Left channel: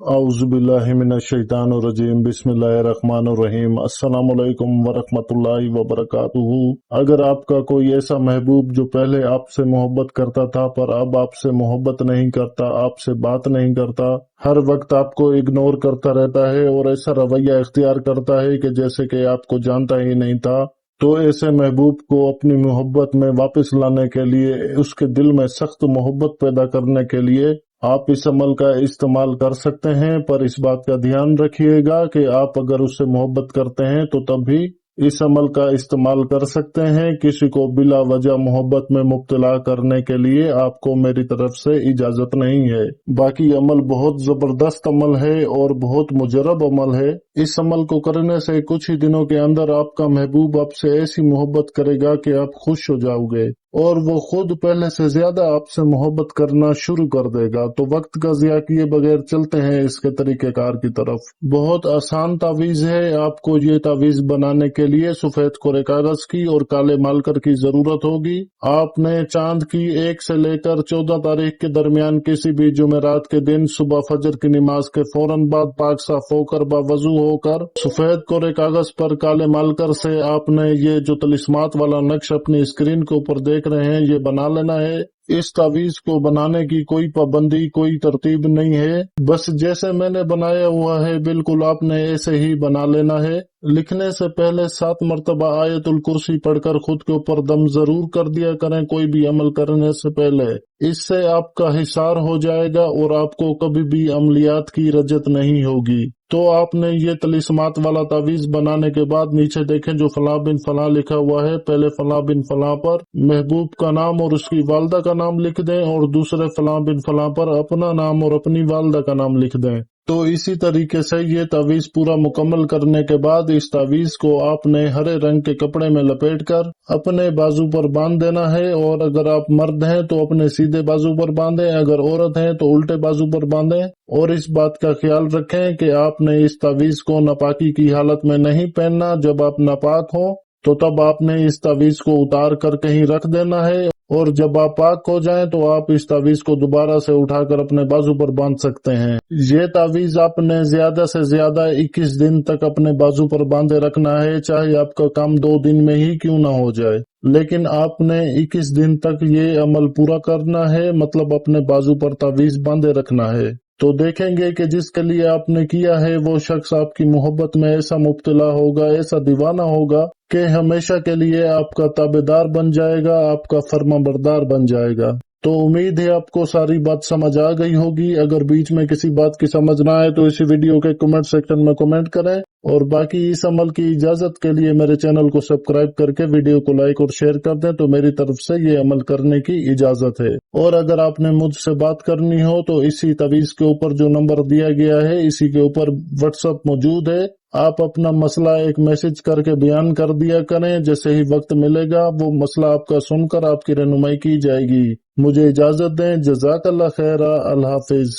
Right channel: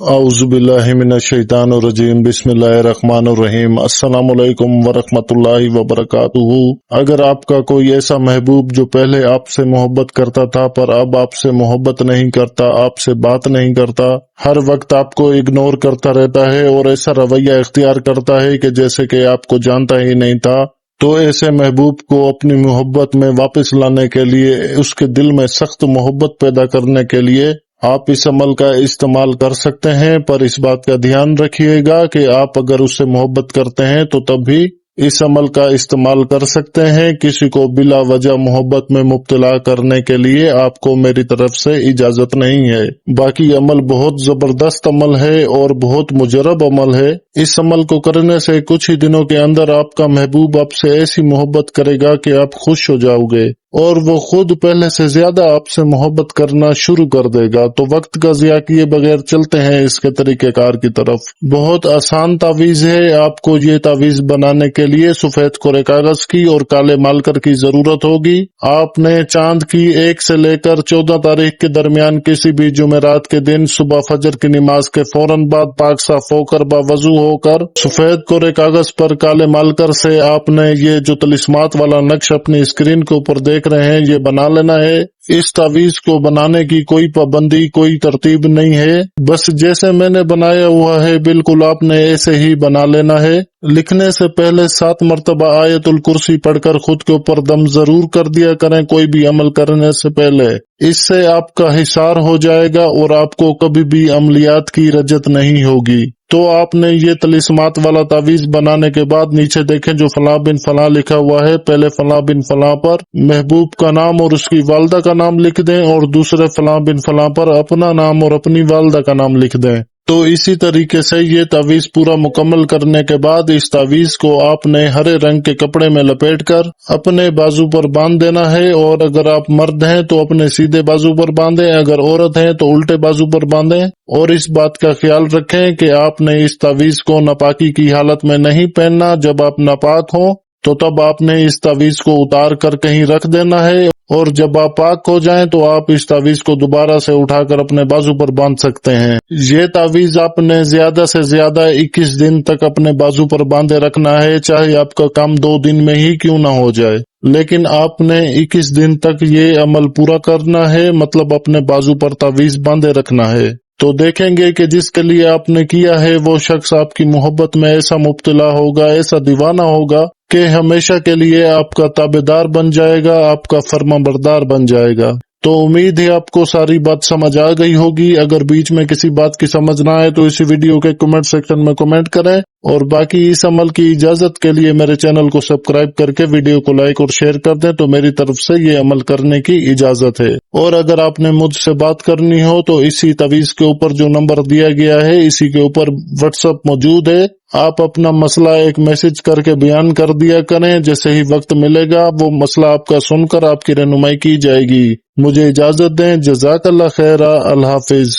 औज़ुबिल्लाहि मिनश्शैतानिर्रजीम बिस्मिल्लाहिर्रहमानिर्रहीम अस्सलामु अलैकुम वरहमतुल्लाहि वबरकातुहू। अगर आपका कोई ऐसा महबूब जो पहले आपसे मोहब्बत करता था पर अब आपसे मोहब्बत नहीं करता, आपसे बात नहीं करता, हर वक्त आपको इग्नोर करता रहता है और ऐसा रवैया इख्तियार करता है कि जैसे कि आपको जानता ही नहीं था, तो ऐसे महबूब को अपनी मोहब्बत में वापस लाने के लिए, उसके दिल में सख्त मोहब्बत पैदा करने के लिए आप इस अमल का इस्तेमाल कर सकते हैं। पर इस बात का ध्यान रखिएगा कि आप अगर उससे मोहब्बत करते हैं तो तब भी इस अमल का इस्तेमाल कर सकते हैं। किसी को बिला वजह मोहब्बत में मुब्तला करने के लिए आपको मेरी तरफ से इजाजत नहीं है। बाकी अमल बहुत जबरदस्त अमल है और बहुत मुजरब अमल है। इस अमल को करने से कुछ ही दिनों के अंदर आपका महबूब आपसे ऐसी मोहब्बत करेगा कि आप खुश हो जाओगे और वो खुद पहले से ज्यादा आपसे मोहब्बत करना शुरू कर देगा। तो वक्त का ज़िया किए बगैर चलते हैं इसके तरीकेकार की तरफ। बहुत आसान तावीज है। आपको ये तावीज बनाने के लिए सफेद कोरे कागज की और काले मार्कर की जरूरत होगी। आपने चांद की 1 से लेकर 14 तारीख के दरमियान किसी भी जुमेरात के दिन सुबह फजर की नमाज के फौरन बाद पाक साफ होकर बावजू होकर सफेद कोरे कागज पर काले मार्कर से आपने ये जो तलिस्मात वाला नक्श अपनी स्क्रीन के ऊपर देख रहे हैं ये बना लेना है। इस तावीज को बनाने की कोई पाबंदी, कोई तरतीब नहीं है। बस जैसे मैंने बनाया हुआ है बिल्कुल आपने ऐसे ही बना लेना है। लिखने से पहले 7 मरतबा आयतुल कुर्सी पढ़कर खुद के ऊपर दम जरूर कर दिया करें कोई भी अमल करने से पहले। इससे आपका हिसार हो जाएगा और आपको कभी भी अमलियात की रजत नहीं होगी। तो आपने ये तलिस्मात वाला तावीज बनाने के बाद नीचे देखें जो फलां बिन फलां लिखा हुआ है, पहले फलां बिन फलां पर महबूब का नाम और उसकी वालदा का नाम लिख दें और दूसरे फलां बिन फलां पर अपना नाम और अपनी वालदा का नाम लिख दें। तो इसी तरीके से ये तावीज पूरा मुकम्मल करने के बाद इस तावीज को आपने हरे रंग के कपड़े में लपेटकर अपने बाजू पर बांध देना है। और अगर आप मर्द हैं तो अपने सीधे बाजू पर बांधें, अगर औरत है तो उल्टे बाजू पर बांधें। और इस बात का ख्याल रखें कि आपने इस तावीज को नापाकी की हालत में नहीं पहनना। जब आप नापाक हो तो तब आपने इस तावीज को उतार कर कहीं रख देना है और जब आप पाक हो जाएं तो आप इस तावीज को दोबारा से उठाकर अपने बाजू पर बांध सकते हैं। ये तावीज आपने ज्यादा से ज्यादा 21 दिन तक अपने बाजू पर बांधे रखना है, चाहे आपका काम 2 दिन में ही क्यों ना हो जाए, लेकिन आपने 21 दिन तक ये अमल पूरा करना है। मतलब अपने बाजू पर तावीज बांधे रखना है। तो देखेंगे कि जिसके लिए आपने किया है वो शख्स आपकी मोहब्बत में ऐसा मुब्तला होगा, ऐसा दीवाना होगा कि हमेशा के लिए आपका ताबेदार बन जाएगा, आपका फर्माबरदार बन जाएगा। तो उम्मीद है आपको सारी बात समझ आ गई होगी। अगर बीच में किसी बात की समझ ना आए तो इसी वीडियो के कमेंट सेक्शन में कमेंट करें और बाकी इस अमल की इजाजत के लिए मेरे चैनल को सब्सक्राइब करके वीडियो को लाइक और शेयर कर दें तो मेरी तरफ से ये अमल करने की इजाजत है। और अगर आपने मुझसे बात करनी हो तो इसी तावीज के ऊपर जो नंबर दिया गया है इसी के ऊपर व्हाट्सएप मौजूद है। आप अपना मसला एक मैसेज करके बयान कर दिया करें। जैसे ही वक्त मिलेगा वो मसला आपका सुनकर आपकी रहनुमाई की जाएगी। मुझे इजाजत दें। जज़ाकल्लाह खैरा। अल्लाह हाफिज।